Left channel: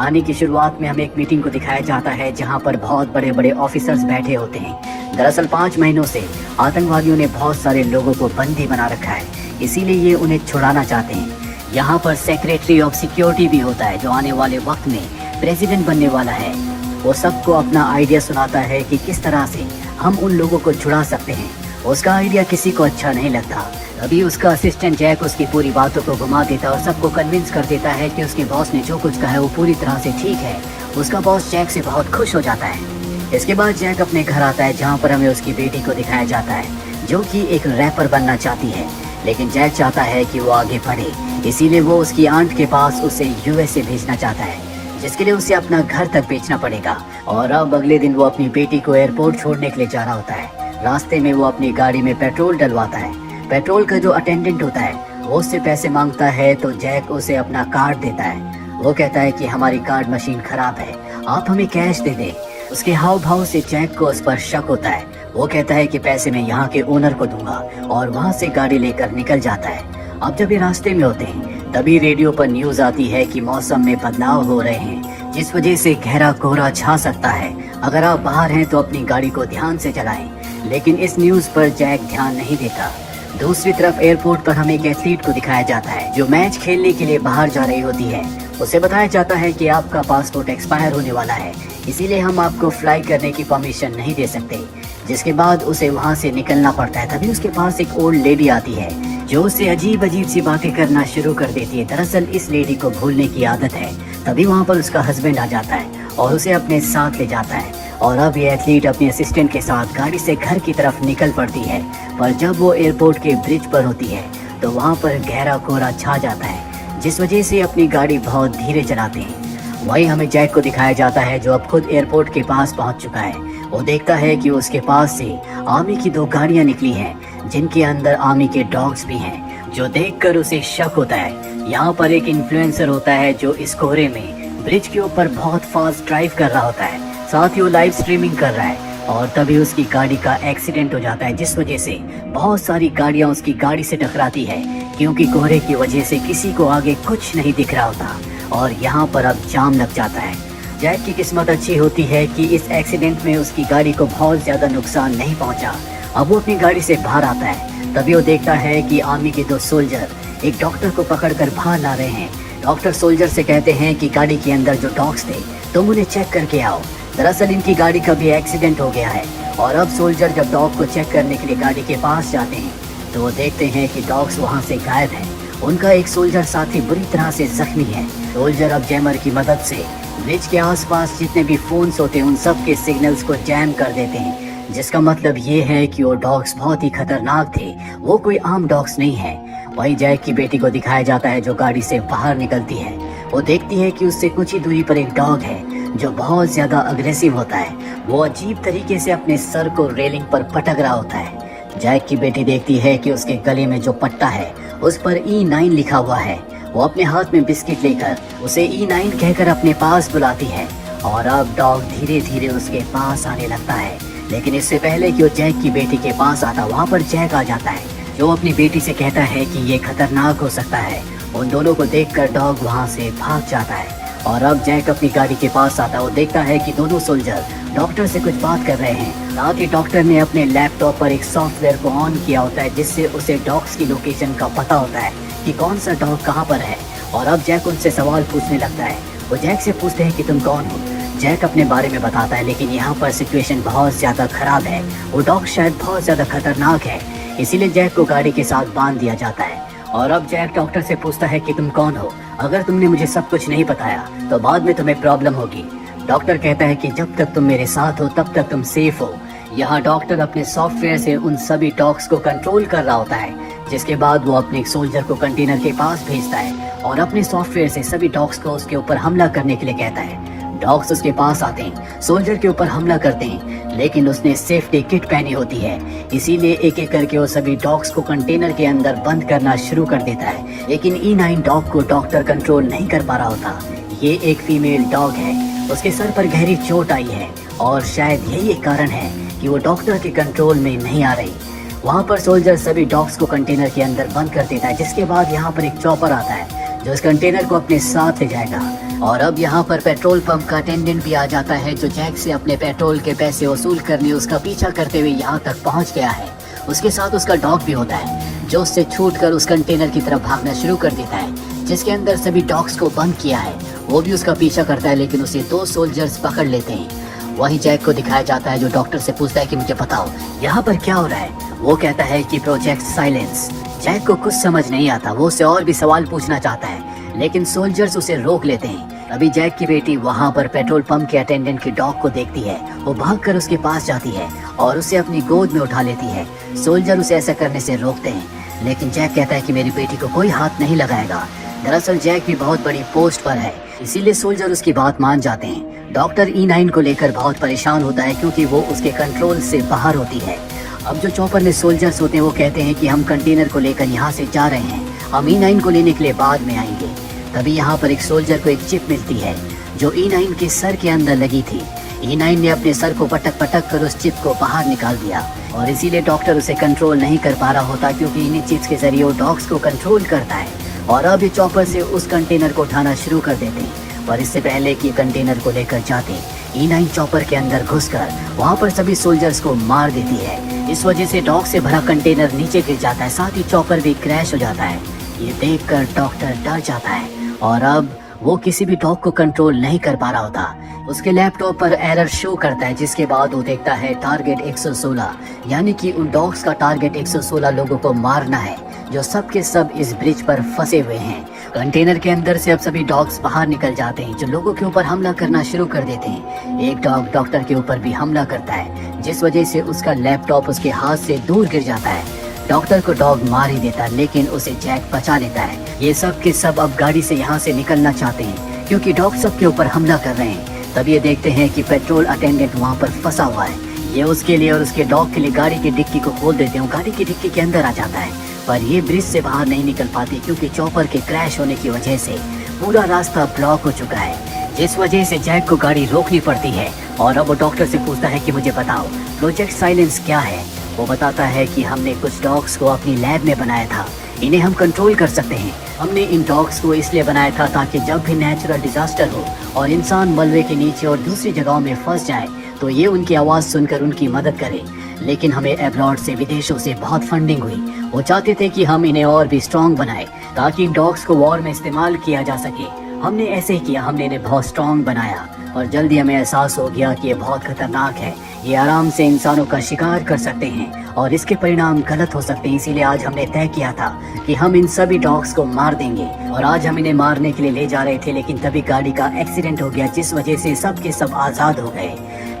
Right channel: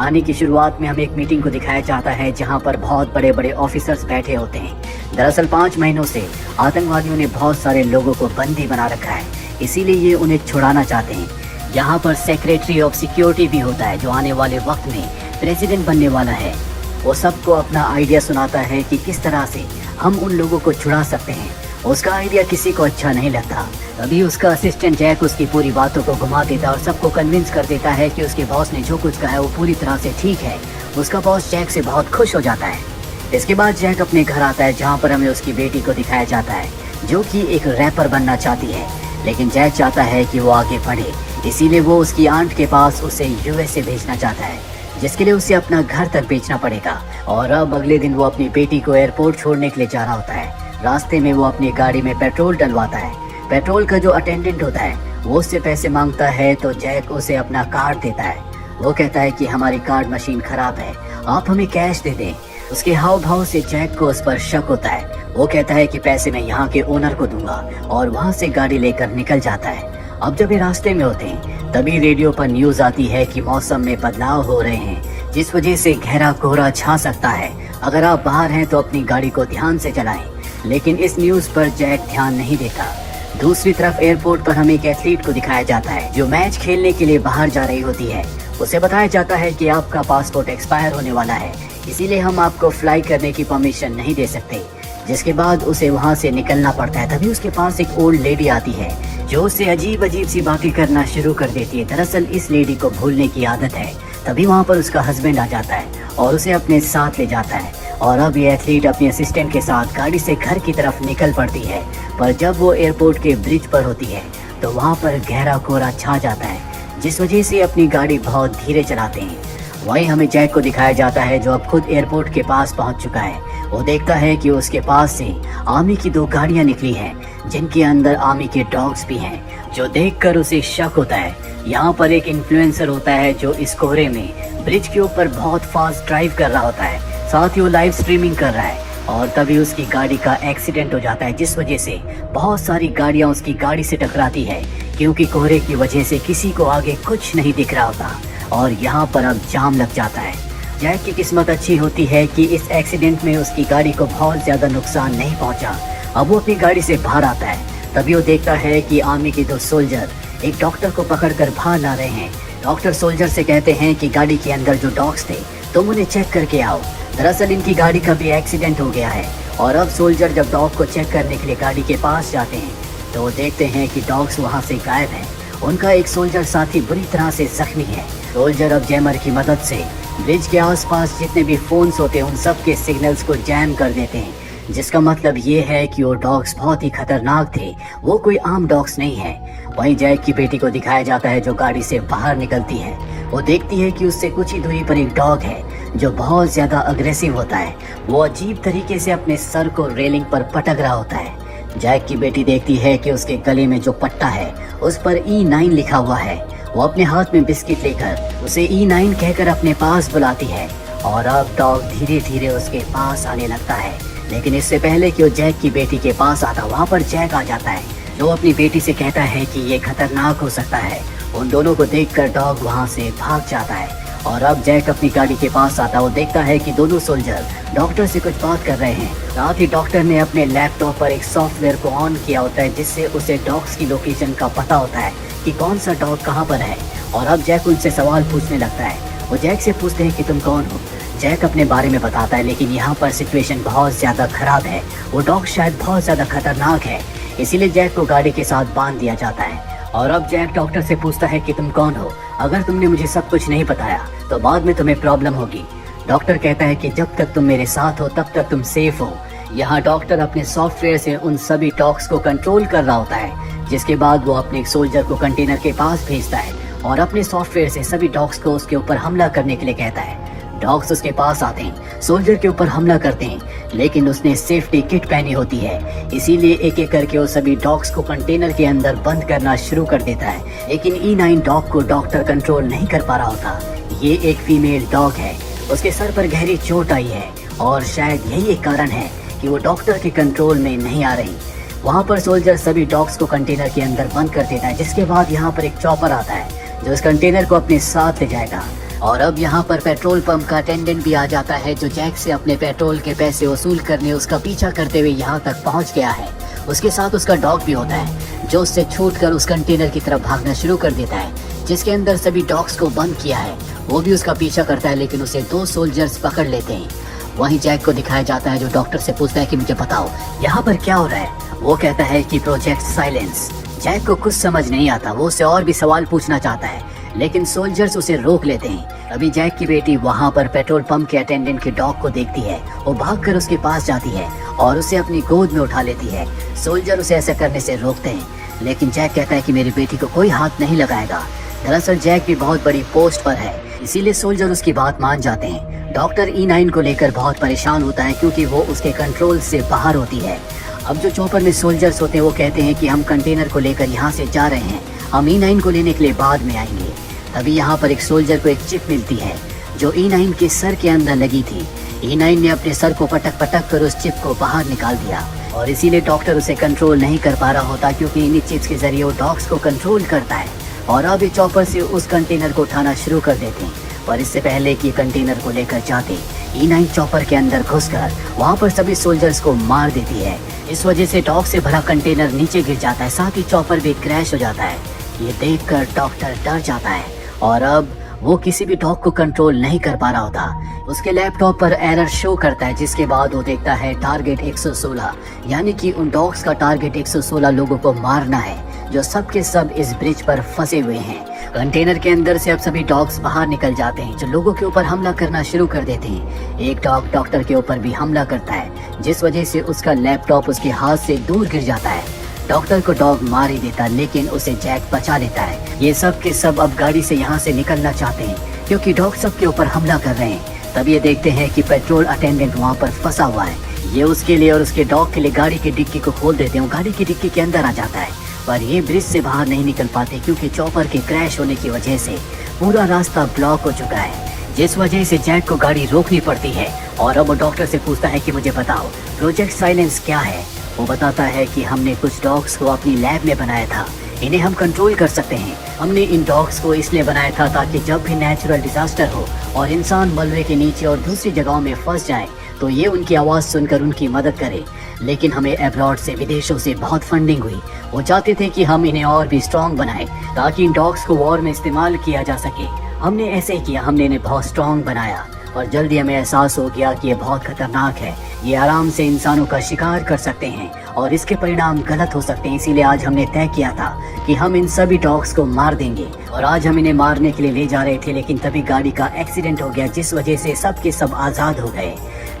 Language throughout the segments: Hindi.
कहानी की शुरुआत में हमें एक मीटिंग को दिखाया जाता है जहां पर बहुत बड़े बड़े ऑफिसर्स बैठे होते हैं। दरअसल 5 महीनों से आतंकवादियों ने बहुत सारे लोगों को बंदी बना रखा है, इसीलिए ये उन्हें छुड़ाना चाहते हैं। यहाँ पर सेक्रेटरी ऑफ सिक्योरिटी भी होता है जो आने वाले वक्त में प्रेसिडेंट बनने वाला है। वो सबको अपना आइडिया सुनाता है कि किस तरह से हम उन लोगों को छुड़ा सकते हैं। उसका आइडिया किसी को अच्छा नहीं लगता। तभी उसका असिस्टेंट जैक उसकी पूरी बातों को घुमा देता है और सबको कन्विंस कर देता है कि उसके बॉस ने जो कुछ कहा है वो पूरी तरह से ठीक है। उसका बॉस जैक से बहुत खुश हो जाता है। इसके बाद जैक अपने घर आता है जहाँ पर हमें उसकी बेटी को दिखाया जाता है जो कि एक रैपर बनना चाहती है, लेकिन जैक चाहता है कि वो आगे बढ़े, इसीलिए वो उसकी आंट के पास उसे यूएसए भेजना चाहता है, जिसके लिए उसे अपना घर तक बेचना पड़ेगा। और अब अगले दिन वो अपनी बेटी को एयरपोर्ट छोड़ने के लिए जा रहा होता है। रास्ते में वो अपनी गाड़ी में पेट्रोल डलवाता है। पेट्रोल का जो अटेंडेंट होता है वो उससे पैसे मांगता है तो जैक उसे अपना कार्ड देता है। वो कहता है कि हमारी कार्ड मशीन खराब है, आप हमें कैश दे दें। उसके हाव भाव से जैक को उस पर शक होता है। वो कहता है कि पैसे मैं यहाँ के ओनर को दूंगा और वहाँ से गाड़ी लेकर निकल जाता है। अब जब ये रास्ते में होते हैं तभी रेडियो पर न्यूज आती है कि मौसम में बदलाव हो रहे हैं, जिस वजह से गहरा कोहरा छा सकता है। अगर आप बाहर हैं तो अपनी गाड़ी को ध्यान से चलाएं। लेकिन इस न्यूज पर जैक ध्यान नहीं देता। दूसरी तरफ एयरपोर्ट पर हमें एक एथलीट को दिखाया जाता है जो मैच खेलने के लिए बाहर जा रही होती है। उसे बताया जाता है कि आपका पासपोर्ट एक्सपायर होने वाला है, इसीलिए हम आपको फ्लाई करने की परमिशन नहीं दे सकते। जिसके बाद उसे वहाँ से निकलना पड़ता है। तभी उसके पास एक ओल्ड लेडी आती है जो उससे अजीब अजीब सी बातें करना शुरू कर देती है। दरअसल इस लेडी को भूलने की आदत है। तभी वहाँ पर उसका हस्बैंड आ जाता है और उसे अपने साथ ले जाता है। और अब ये एथलीट अपने असिस्टेंट के साथ गाड़ी से घर की तरफ निकल पड़ती है, पर जब वो एयरपोर्ट के ब्रिज पर होती है तो वहाँ पर गहरा कोहरा छा जाता है, जिस वजह से अपनी गाड़ी बहुत धीरे चलाते हैं। वहीं हमें जैक को दिखाया जाता है जो अब खुद एयरपोर्ट के पास पहुँच चुका है। वो देखता है कि उसके पास से आर्मी की 2 गाड़ियाँ निकली हैं जिनके अंदर आर्मी के डॉग्स भी हैं, जो देखकर उसे शक होता है। यहाँ पर एक इन्फ्लुएंसर होता है जो इस कोहरे में ब्रिज के ऊपर बहुत फास्ट ड्राइव कर रहा होता है, साथ ही वो लाइव स्ट्रीमिंग कर रहा है। और तभी उसकी गाड़ी का एक्सीडेंट हो जाता है, जिस वजह से बहुत सारी गाड़ियां उसकी गाड़ी से टकराती है, क्योंकि कोहरे की वजह से किसी को आगे कुछ नहीं दिख रहा होता और यहाँ पर अब जाम लग जाता है। जैक की किस्मत अच्छी होती है कि इस एक्सीडेंट में उसकी गाड़ी को बहुत ज्यादा नुकसान नहीं पहुँचा। अब वो अपनी गाड़ी से बाहर आता है। तभी वो देखता है कि आर्मी के 2 सोल्जर एक डॉक्टर को पकड़कर बाहर ला रहे हैं। डॉक्टर सोल्जर से कहते हैं कि गाड़ी के अंदर जो डॉग्स थे तुम उन्हें चेक करके आओ। दरअसल इनकी गाड़ी का भी एक्सीडेंट हो गया है। और अब सोल्जर जब डॉग को चेक करने के लिए गाड़ी के पास जाते हैं तो वो देखते हैं कि डॉग्स वहाँ से गायब है। उनका एक सोल्जर साथी बुरी तरह से जख्मी है। सोल्जर अब जैमर की मदद से ब्रिज के आसपास जितने भी फोन्स होते हैं उन सब के सिग्नल्स को जैम कर देते हैं, जिसका मतलब ये है कि वो डॉग्स बहुत ही खतरनाक थे, वो कोई आम डॉग्स नहीं है। वहीं जैक की बेटी को दिखाया जाता है जो गाड़ी से बाहर निकलती है। वो देखती है कि उससे कुछ ही दूरी पर एक डॉग है जो बहुत ज्यादा अग्रेसिव होता है। वो अजीब तरीके से अपने सर को रेलिंग पर पटक रहा होता है। जैक की बेटी देखती है कि उसके गले में जो पट्टा है उस पर E9 लिखा हुआ है। वो अपने हाथ में बिस्किट लेकर उसे E9 कहकर अपने पास बुलाती है और अब डॉग धीरे धीरे उसके पास आने लगता है। लेकिन इससे पहले कि वो जैक की बेटी के पास आता, वहाँ पर जैक आ जाता है जो अपनी बेटी से कहता है कि ये खतरनाक हो सकता है। उन दोनों को देखकर डॉग वहाँ से भाग जाता है। और अब जैक अपनी गाड़ी के पास आता है। वो देखता है कि दोनों सोल्जर डॉक्टर से कुछ बात कर रहे हैं। साथ ही डॉक्टर ने अपने लैपटॉप पर एक सॉफ्टवेयर को ऑन किया होता है जिससे उसे डॉग्स की लोकेशन का पता होता है कि कौन सा डॉग कहाँ पर है। और अब जैक उनसे सवाल पूछने लगता है। वो जैक से पूछते हैं कि तुम कौन हो। जैक अपने बारे में बताता है, लेकिन यहाँ पर सिचुएशन बहुत ज्यादा खराब है। वो डॉग शायद बहुत ज्यादा खतरनाक है, इसीलिए जैक को गाड़ी के साथ बांध दिया जाता है। और अब जैक डॉक्टर से पूछता है कि तुम कौन हो। अगर तुमने मुझे सब कुछ नहीं बताया तो बाद में तुम्हें प्रॉब्लम होगी। डॉक्टर कहता है कि जब तक तुम मेरे साथ हो तब तक तुम सेफ हो। यहाँ डॉक्टर अपने सॉफ्टवेयर से उन सभी डॉग्स को कंट्रोल कर रहा होता है, जिसके बाद वो अपने सोल्जर को कंटेनर के पास भेजता है और अपने सॉफ्टवेयर से सभी डॉग्स को उसके ऊपर हमला करने के लिए कहता है। डॉग्स उसके पास आते हैं, सोल्जर के ऊपर हमला करते हैं, लेकिन उसने सेफ्टी किट पहनी होती है, इसीलिए एक एक करके वो सभी डॉग्स को कंटेनर के अंदर बंद करना शुरू कर देता है। लेकिन E9 डॉग को डॉक्टर कंट्रोल नहीं कर पा रहा होता। ये एक फीमेल डॉग है, उसके सर पर गहरी चोट आई है और शायद यही एक कारण है कि वो डॉक्टर के कंट्रोल में नहीं आ रही। वहाँ पर सोल्जर सभी डॉग्स को कंटेनर के अंदर बंद कर देता है, जिसके बाद यहाँ पर एक चॉपर आता है जो इस कंटेनर को अपने साथ ले जाएगा। और अब यहाँ पर पेट्रोल पंप का अटेंडेंट भी आ जाता है, जो जैक से अपने पेट्रोल के पैसे वसूल करने उसका पीछा करते हुए यहाँ तक पहुँच गया है। उसके साथ उसका डॉग भी होता है, जो उससे छूटकर उस कंटेनर की तरफ भागना शुरू कर देता है, जिसके अंदर सभी डॉग्स को बंद किया है। वो भी उसका पीछा करता है, लेकिन उसे 2 सोल्जर्स पकड़ लेते हैं। वहीं जैक को दिखाया जाता है, जो डॉक्टर से पूछता है कि मुझे बताओ यहाँ पर क्या हो रहा है। वो कहता है कि प्रोजेक्ट साइलेंस। जैक को कुछ समझ नहीं आता, वो उससे और भी सवाल पूछना चाहता है, लेकिन सोल्जर्स उसे रोक लेते हैं। अभी जैक की बेटी वहाँ पर पेट्रोल पंप के अटेंडेंट की डॉग को देखती है। वो भागकर उसके पास जाती है और उसे अपनी गोद में उठा लेती है। सोल्जर उसे ऐसा करने से रोकते हैं, लेकिन जैक कहता है कि मेरी बेटी को कोई हाथ नहीं लगाएगा। दरअसल जैक भी बहुत बड़ी पोस्ट पर है, इसीलिए सोल्जर उसकी बात मान जाते हैं। डॉक्टर E9 को लेकर बहुत परेशान होता है, क्योंकि वो उसके कंट्रोल से बाहर होती है। अब जो चौपर में सोल्जर्स होते हैं वो कहते हैं कि हम कंटेनर को लेकर यहाँ से जा रहे हैं, हम E9 को लेने के लिए बाद में आएंगे। तभी यहाँ पर एक सोल्जर को एक चिप मिलती है, जो E9 के सर के अंदर लगी थी। E9 ने अपने सर को पटक पटक कर उस चिप को बाहर निकाल दिया, और इसीलिए डॉक्टर उसे कंट्रोल नहीं कर पा रहा होता, क्योंकि इन्हीं चिप्स के जरिए वो डॉग्स को कंट्रोल करता है। और अब ये चॉपर से उस कंटेनर को उठाना शुरू कर देते हैं, पर इससे पहले कि कंटेनर को लेकर जाते E9 चॉपर के अंदर घुसकर वहाँ पर सभी सोल्जर्स को मार देती है। इस वजह से डॉग से भरा कंटेनर नीचे गिर जाता है, साथ ही चॉपर भी क्रैश हो जाता है। ये देखकर डॉक्टर डर जाता है, और अब वो किसी भी डॉग को कंट्रोल नहीं कर पा रहा होता। उसके लैपटॉप पर एरर शो करता है, जिसके बाद वो देखता है टारगेट 116, यानी कि उन डॉग्स का टारगेट 116 लोगों को मारना है, जो सब के सब इस ब्रिज पर फंसे हुए हैं। कंटेनर के अंदर से अब सभी डॉग्स बाहर निकल जाते हैं, जो लोगों के ऊपर हमला करना शुरू कर देते हैं। एक डॉग डॉक्टर के ऊपर भी हमला करता है, जिस वजह से उसका लैपटॉप उसके हाथ से दूर गिर जाता है। डॉक्टर को डॉग मार ही देता है, लेकिन उसे जैक बचा लेता है। ये सब के सब अब गाड़ी से यहाँ से निकलना चाहते हैं, क्योंकि डॉग सब के ऊपर हमला कर रहे हैं। तब ये देखते हैं कि पेट्रोल अटेंडेंट वहाँ पर फंसा हुआ है। ये उसके लिए और उसके डॉग के लिए गाड़ी की डिक्की को खोल देते हैं। गाड़ी की डिक्की के अंदर आ जाता है, पर ये ब्रिज से बाहर नहीं निकल पाते, क्योंकि चॉपर के क्रैश होने की वजह से पूरा रास्ता ब्लॉक हो चुका है, जिस वजह से जैक को गाड़ी रोकनी पड़ती है। और अब वो डॉक्टर से पूछता है कि मुझे बताओ प्रोजेक्ट साइलेंस क्या है। वो बताता है कि हमने कुछ डॉग्स को अपनी लैब में बनाया था, इन्हें हम कंट्रोल कर सकते हैं। हमने इन डॉग्स को इसलिए बनाया था ताकि जब भी नेचुरल डिजास्टर हो और इंसान मलबे के नीचे और दूसरी जगहों में फंस जाए, तो ये उनकी आवाज़ सुनकर उनकी मदद करें। लेकिन हमें अब्रॉड से, विदेशों से बहुत फंडिंग हुई। वो चाहते थे कि हम इन्हें और भी स्ट्रॉन्ग बनाएं, ताकि इन डॉग्स को वॉर में इस्तेमाल किया जा सके। हमने ऐसे ही किया, हमने इन्हें बहुत स्ट्रॉन्ग बनाया, और जल्दी हमें एहसास हो गया कि ये बहुत खतरनाक है। ये आराम से इंसानों का शिकार कर सकते हैं और इसके परिणाम गलत हो सकते हैं। इसीलिए आज हमने तय किया था कि हम इन सभी डॉग्स को मार देंगे, और आज हम इन्हें मारने के लिए ले जा रहे थे, लेकिन तभी गाड़ी का एक्सीडेंट हो गया, जिस वजह से सब के सब आज़ाद हो गए।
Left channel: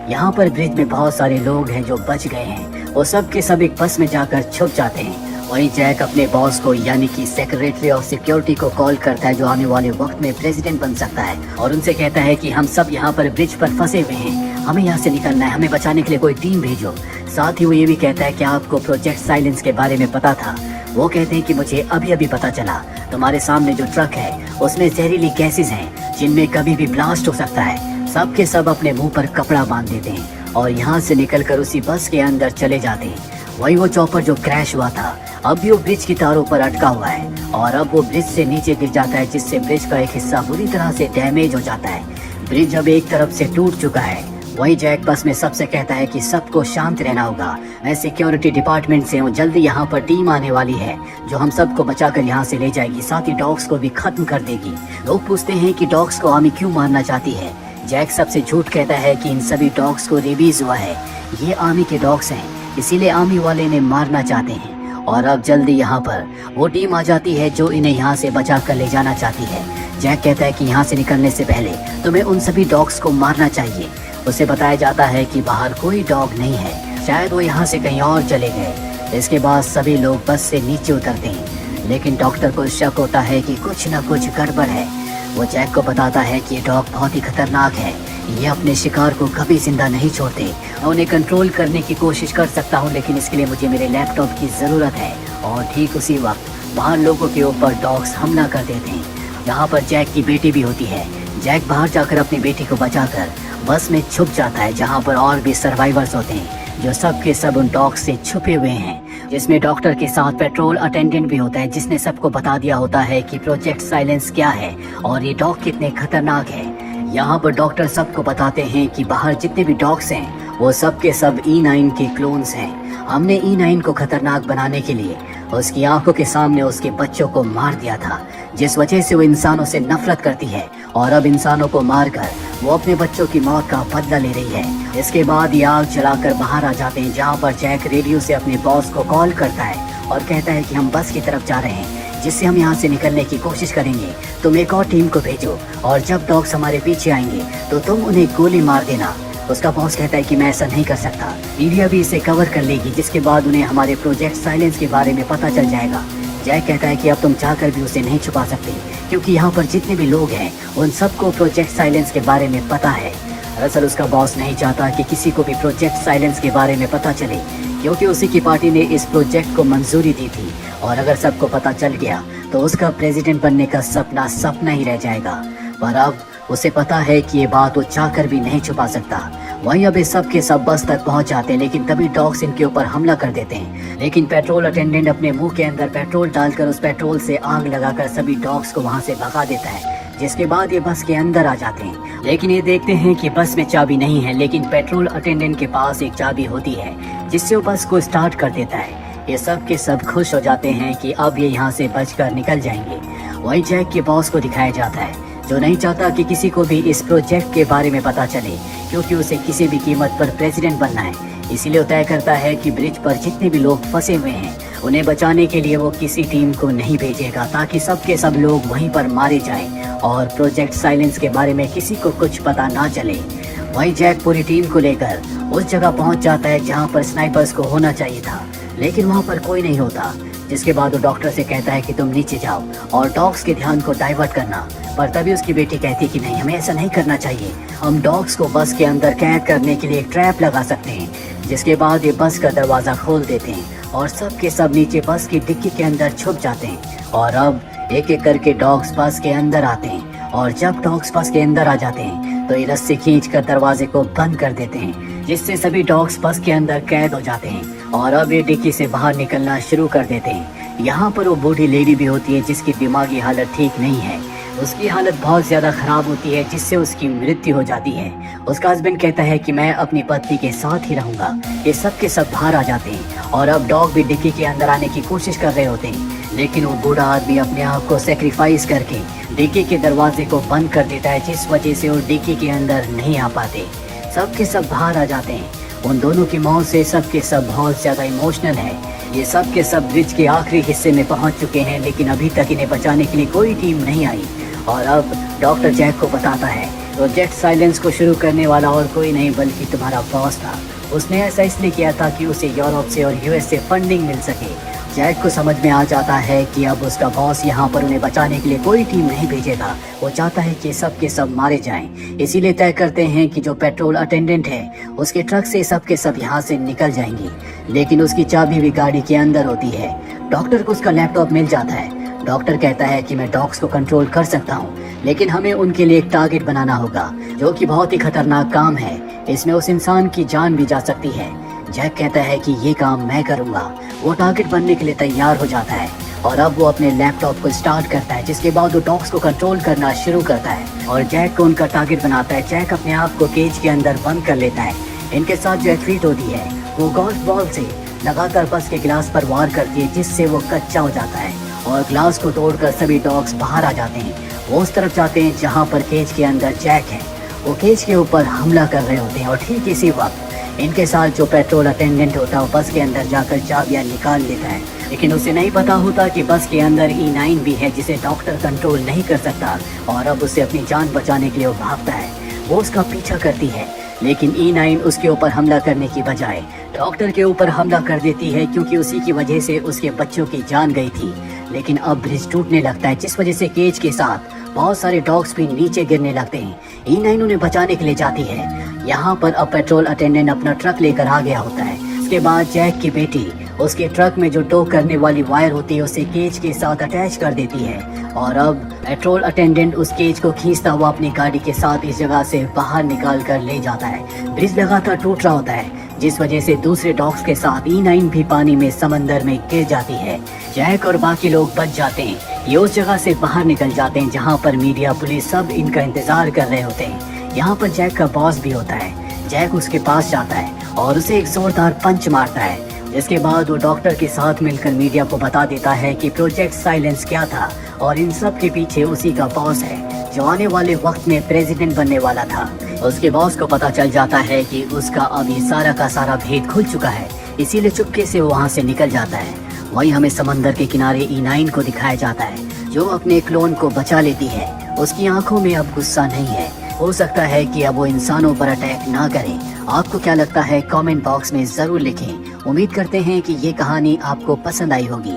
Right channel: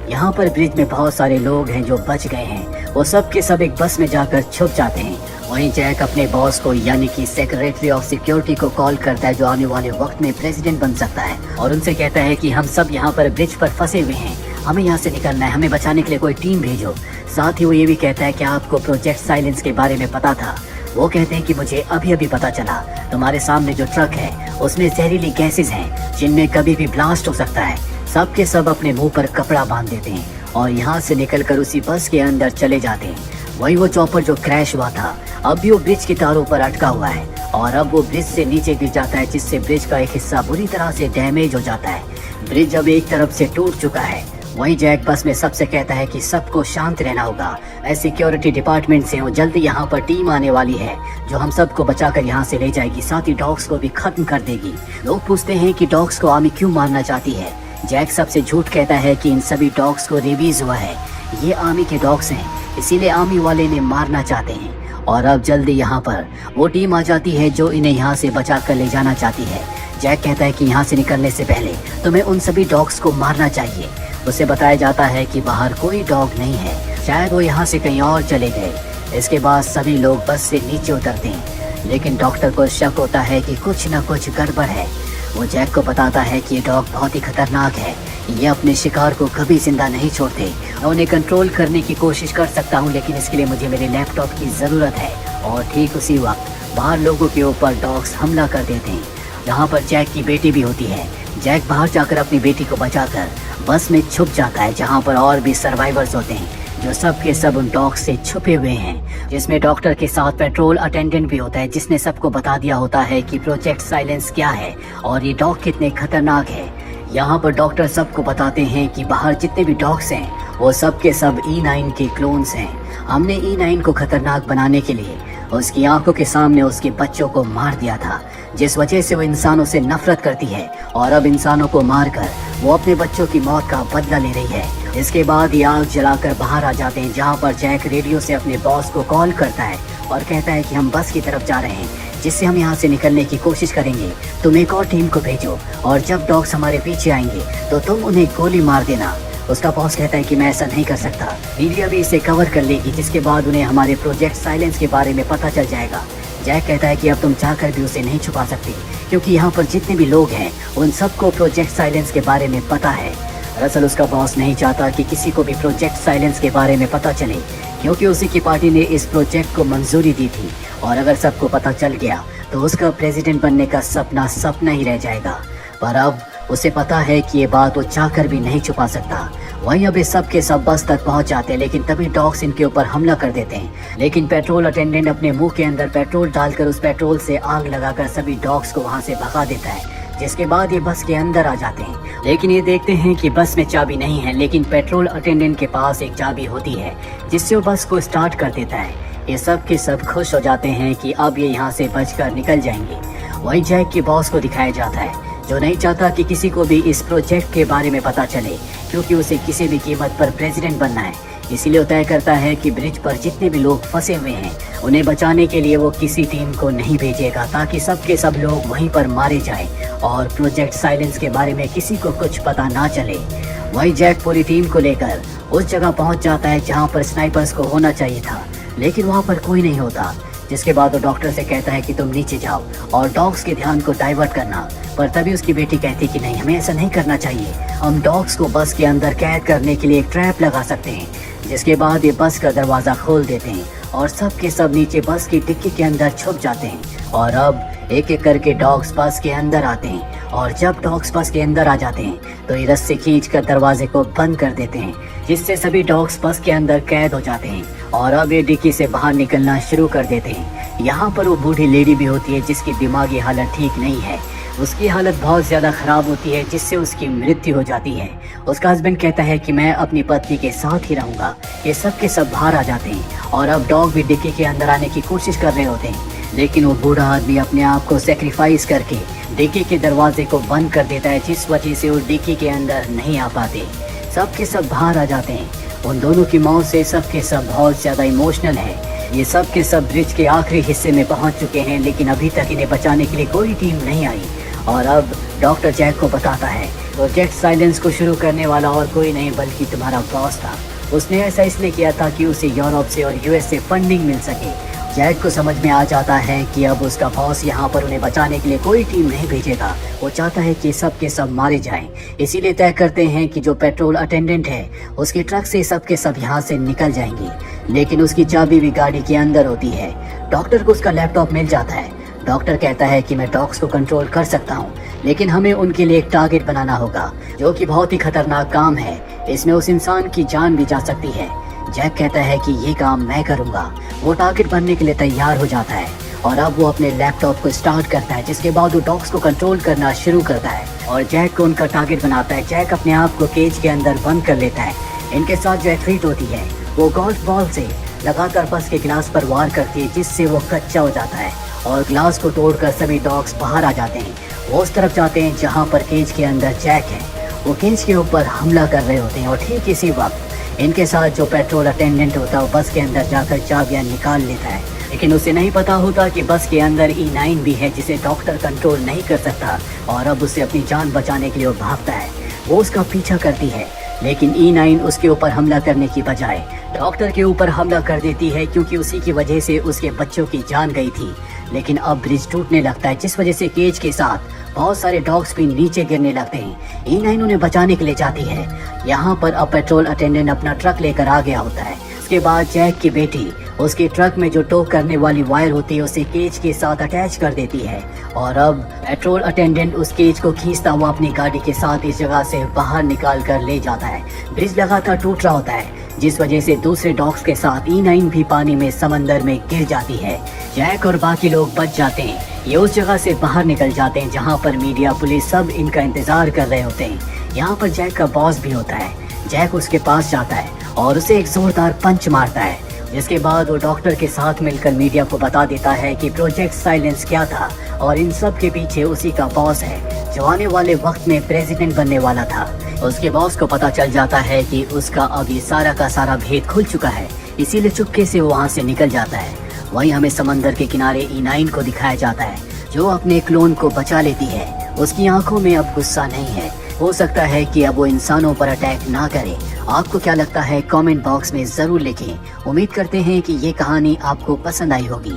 यहाँ पर ब्रिज में बहुत सारे लोग हैं जो बच गए हैं, वो सब के सब एक बस में जाकर छुप जाते हैं। वहीं जैक अपने बॉस को, यानी कि सेक्रेटरी ऑफ सिक्योरिटी को कॉल करता है, जो आने वाले वक्त में प्रेसिडेंट बन सकता है, और उनसे कहता है कि हम सब यहाँ पर ब्रिज पर फंसे हुए हैं, हमें यहाँ से निकलना है, हमें बचाने के लिए कोई टीम भेजो। साथ ही वो ये भी कहता है कि आपको प्रोजेक्ट साइलेंस के बारे में पता था। वो कहते हैं कि मुझे अभी अभी पता चला, तुम्हारे सामने जो ट्रक है उसमें जहरीली गैसेज हैं, जिनमें कभी भी ब्लास्ट हो सकता है। सब के सब अपने मुंह पर कपड़ा बांध देते हैं और यहाँ से निकलकर उसी बस के अंदर चले जाते हैं। वही वो चॉपर जो क्रैश हुआ था, अब भी वो ब्रिज की तारों पर अटका हुआ है, और अब वो ब्रिज से नीचे गिर जाता है, जिससे ब्रिज का एक हिस्सा बुरी तरह से डैमेज हो जाता है। ब्रिज अब एक तरफ से टूट चुका है। वही जैक बस में सबसे कहता है कि सबको शांत रहना होगा। मैं सिक्योरिटी डिपार्टमेंट से हूँ, जल्दी यहाँ पर टीम आने वाली है, जो हम सबको बचाकर यहाँ से ले जाएगी, साथ ही डॉग्स को भी खत्म कर देगी। लोग पूछते हैं कि डॉग्स को आर्मी क्यों मारना चाहती है। जैक सबसे झूठ कहता है कि इन सभी डॉग्स को रिलीज हुआ है, ये आर्मी के डॉग्स हैं, इसीलिए आर्मी वाले इन्हें मारना चाहते हैं। और अब जल्दी यहाँ पर वो टीम आ जाती है जो इन्हें यहाँ से बचा कर ले जाना चाहती है। जैक कहता है कि यहाँ से निकलने से पहले तुम्हें उन सभी डॉग्स को मारना चाहिए। उसे बताया जाता है कि बाहर कोई डॉग नहीं है, शायद वो यहाँ से कहीं और चले गए। इसके बाद सभी लोग बस से नीचे उतरते हैं, लेकिन डॉक्टर को शक होता है कि कुछ न कुछ गड़बड़ है। वो जैक को बताता है कि ये डॉग बहुत ही खतरनाक है, ये अपने शिकार को कभी जिंदा नहीं छोड़ते। मैं उन्हें कंट्रोल करने की कोशिश कर सकता हूँ, लेकिन इसके लिए मुझे मेरे लैपटॉप की ज़रूरत है। और ठीक उसी वक्त बाहर लोगों के ऊपर डॉग्स हमला कर देते हैं, जहाँ पर जैक की बेटी भी होती है। जैक बाहर जाकर अपनी बेटी को बचाकर बस में छुप जाता है, जहाँ पर और भी सर्वाइवर्स होते हैं। जो सब के सब उन डॉग्स से छुपे हुए हैं, जिसमें डॉक्टर के साथ पेट्रोल अटेंडेंट भी होता है, जिसने सबको बता दिया होता है कि प्रोजेक्ट साइलेंस क्या है और ये डॉग कितने खतरनाक है। यहाँ पर डॉक्टर सबको बताते हैं कि बाहर जितने भी डॉग्स हैं वो सब के सब E9 के क्लोन्स हैं। हमने E9 को खतरनाक बनाने के लिए उसकी आंखों के सामने उसके बच्चों को मार दिया था, जिस वजह से वो इंसानों से नफरत करती है और अब इंसानों को मारकर वो अपने बच्चों की मौत का बदला ले रही है। इसके बाद ये आग जलाकर बाहर आ जाते हैं, जहाँ पर जैक रेडियो से अपने बॉस को कॉल करता है और कहता है कि हम बस की तरफ जा रहे हैं, जिससे हम यहाँ से निकलने की कोशिश करेंगे। तुम एक और टीम को भेजो और जब डॉग्स हमारे पीछे आएंगे तो तुम उन्हें गोली मार देना। उसका बॉस कहता है कि मैं ऐसा नहीं कर सकता, मीडिया भी इसे कवर कर लेगी, जिसके बाद उन्हें हमारे प्रोजेक्ट साइलेंस के बारे में पता चल जाएगा। जैक कहता है कि अब तुम चाहकर भी उसे नहीं छुपा सकते, क्योंकि यहाँ पर जितने भी लोग हैं उन सबको प्रोजेक्ट साइलेंस के बारे में पता है। दरअसल उसका बॉस नहीं चाहता कि किसी को भी प्रोजेक्ट साइलेंस के बारे में पता चले, क्योंकि उसी की पार्टी ने इस प्रोजेक्ट को मंजूरी दी थी और अगर सबको पता चल गया तो उसका प्रेसिडेंट बनने का सपना सपना ही रह जाएगा। पर अब उसे पता है कि ये बात वो चाहकर भी नहीं छुपा सकता। वहीं अब सब के सब बस तक पहुंच जाते हैं, लेकिन तभी डॉग्स इनके ऊपर हमला कर देते हैं। लेकिन पेट्रोल अटेंडेंट अपने मुंह के अंदर पेट्रोल डालकर उस पेट्रोल से आग लगाकर सभी डॉग्स को वहां से भगा देता है, जिसके बाद ये बस के अंदर आ जाते हैं। लेकिन ये देखते हैं कि बस में चाबी नहीं है, लेकिन पेट्रोल अटेंडेंट के पास एक चाबी होती है, जिससे वो बस को स्टार्ट कर देता है। ये सब के सब खुश हो जाते हैं कि अब ये यहाँ से बचकर निकल जाएंगे। वहीं जैक के बॉस को दिखाया जाता है, जो नहीं चाहता कि किसी को भी इस प्रोजेक्ट के बारे में पता चले, क्योंकि उसे किसी भी कीमत पर प्रेसिडेंट बनना है। इसीलिए वो तय करता है कि ब्रिज पर जितने भी लोग फंसे हुए हैं उन्हें बचाने के लिए वो किसी टीम को नहीं भेजेगा, ताकि सब के सब लोग वहीं पर मारे जाएं और प्रोजेक्ट साइलेंस के बारे में किसी को कुछ पता ना चले। वही जैक पूरी टीम को लेकर उस जगह पहुंच जाता है जहां पर स्नाइपर्स को होना चाहिए था, लेकिन वहां पर कोई नहीं होता। जिसके बाद वो डॉक्टर से कहता है कि तुम नीचे जाओ और डॉग्स के ध्यान को डाइवर्ट करना। पर तभी उसकी बेटी कहती है कि नहीं, हमें ऐसा नहीं करना चाहिए, हम डॉग्स को बस के अंदर कैद करने के लिए एक ट्रैप लगा सकते हैं। जिसके बाद ये बस का दरवाजा खोल देते हैं और सब के सब नीचे बस की डिक्की के अंदर छुप जाते हैं। और अब एक एक करके डॉग्स बस के अंदर आते हैं और जब डॉग्स बस के अंदर आ जाते हैं तो ये रस्सी खींचकर दरवाजे को बंद कर देते हैं, जिससे सभी डॉग्स बस के अंदर कैद हो जाते हैं और अब ये डिक्की से बाहर निकलना शुरू कर देते हैं। यहाँ पर वो बूढ़ी लेडी भी होती है जिसकी दिमागी हालत ठीक नहीं है। उसकी हालत बहुत ज्यादा खराब होती है, जिससे उसकी मृत्यु हो जाती है। उसका हस्बैंड कहता है कि मैं अपनी पत्नी के साथ ही रहूंगा। ये सब के सब बाहर आ जाते हैं और अब डॉग भी डिक्की के अंदर आने की कोशिश कर रहे होते हैं, लेकिन वो बूढ़ा आदमी अपने आप को सेक्रीफाइस करके डिक्की के दरवाजे को बंद कर देता है, जिस वजह से वो डिक्की के अंदर नहीं आ पाते। सब के सब बाहर आ जाते हैं। उन दोनों की मौत से सब के सब बहुत ज्यादा इमोशनल है। ये सब के सब ब्रिज के आखिरी हिस्से में पहुंच चुके हैं, लेकिन अभी तक इन्हें बचाने के लिए कोई टीम नहीं आई। और अब डॉक्टर जैक को बताता है प्रोजेक्ट साइलेंस को शुरू करने वाला और कोई नहीं बल्कि तुम्हारा बॉस था। उसने ऐसा इसलिए किया था कि उसे यूरोप से और यूएस से फंडिंग मिल सके। जैक को समझ में आ जाता है कि अब उसका बॉस यहाँ पर उन्हें बचाने के लिए कोई टीम नहीं भेजेगा। वो चाहता है कि सब के सब मारे जाएं। इसीलिए तय करते हैं कि जो पेट्रोल अटेंडेंट है उसके ट्रक से सब के सब यहाँ से निकल जाएंगे, लेकिन उसकी चाबी भी गाड़ी के अंदर होती है। डॉक्टर को उसका लैपटॉप मिल जाता है। डॉक्टर कहता है कि मैं डॉग्स को कंट्रोल कर सकता हूँ, लेकिन हमें उनके लिए एक टारगेट बनाना होगा, जो कि बहुत ही खतरनाक काम है। इसमें उस इंसान की जान भी जा सकती है। जैक कहता है कि ये काम मैं करूँगा। वो टारगेट बनने के लिए तैयार हो जाता है और अब वो अपने लैपटॉप को स्टार्ट करता है, जिसके बाद वो डॉग्स को कंट्रोल करना शुरू करता है और जैक को उनका टारगेट बनाता है। जैक अपने आप को केज के अंदर बंद कर लेता है। इनके साथ जो एथलीट होती है वो गोल्फ बॉल से लगातार बस के गिलास पर वार करती है, जिससे वो कच्चा हो जाता है और ग्लास को तोड़कर सभी डॉग्स बाहर आ जाते हैं। वो उस तरफ जाते हैं जहाँ पर केज के अंदर जैक है। वो केज के ऊपर हमला कर रहे होते हैं और ठीक इसी वक्त इनके साथ जो पेट्रोल अटेंडेंट होता है वो बस के अंदर जाकर चाबियां निकाल लेता है, लेकिन उसे नहीं पता होता कि बस के अंदर E9 भी है, जिसे डॉक्टर कंट्रोल नहीं कर सकता और अब उसे अपनी जान बचाने के लिए वो भागता है। वो उसका पीछा करती है, लेकिन E9 उसके ऊपर हमला करने की बजाय डॉक्टर के ऊपर हमला कर देती है, क्योंकि उसी की वजह से उसके बच्चों की जान गई थी। लेकिन अब ब्रिज टूटने लगता है, जिस वजह से केज के साथ बहुत सारे डॉग्स भी नीचे गिरने लगते हैं। E9 उन्हें बचाने के लिए जाती है। यहाँ पर अब पेट्रोल अटेंडेंट अपना ट्रक लेकर आ गया होता है। इसके बाद जैक की बेटी उसके ट्रक में जो टो करने वाली वायर होती है उसे केज के साथ अटैच कर देती है और अब पेट्रोल अटेंडेंट उस केज को खींचता हुआ अपनी गाड़ी के साथ इस जगह से बाहर निकाल कर ले जाता है। ब्रिज लगातार टूट रहा होता है जिस वजह से दूसरे डॉग्स के साथ E9 भी पानी में समंदर में गिर जाती है। जैक और बाकी लोग बच जाते हैं। ये उस जगह से बाहर निकल जाते हैं जहाँ पर मीडिया पुलिस सब इनका इंतजार कर रहे होते हैं। यहाँ पर जैक का बॉस भी होता है। जैक उसके पास जाता है और उसे एक जोरदार पंच मारता है जिसके बाद वो डॉक्टर के साथ मिलकर मीडिया को बता देता है कि प्रोजेक्ट साइलेंस क्या था और इन सब के पीछे उसी का बॉस है जो आने वाले वक्त में प्रेसिडेंट बनने वाला था। उसके बॉस को पता चल जाता है कि उसका अब ये सारा का सारा भेद खुल चुका है, इसीलिए चुपके से वो वहाँ से निकल जाता है। वहीं हमें समंदर के किनारे E9 को दिखाया जाता है जो अपने क्लोन को बचा लेती है। उसकी आंखों में अब गुस्सा नहीं है। हो सकता है कि अब वो इंसानों पर अटैक ना करे। आपको क्या लगता है कमेंट बॉक्स में जरूर लिखें। उम्मीद करते हैं कि ये कहानी आपको पसंद आई होगी।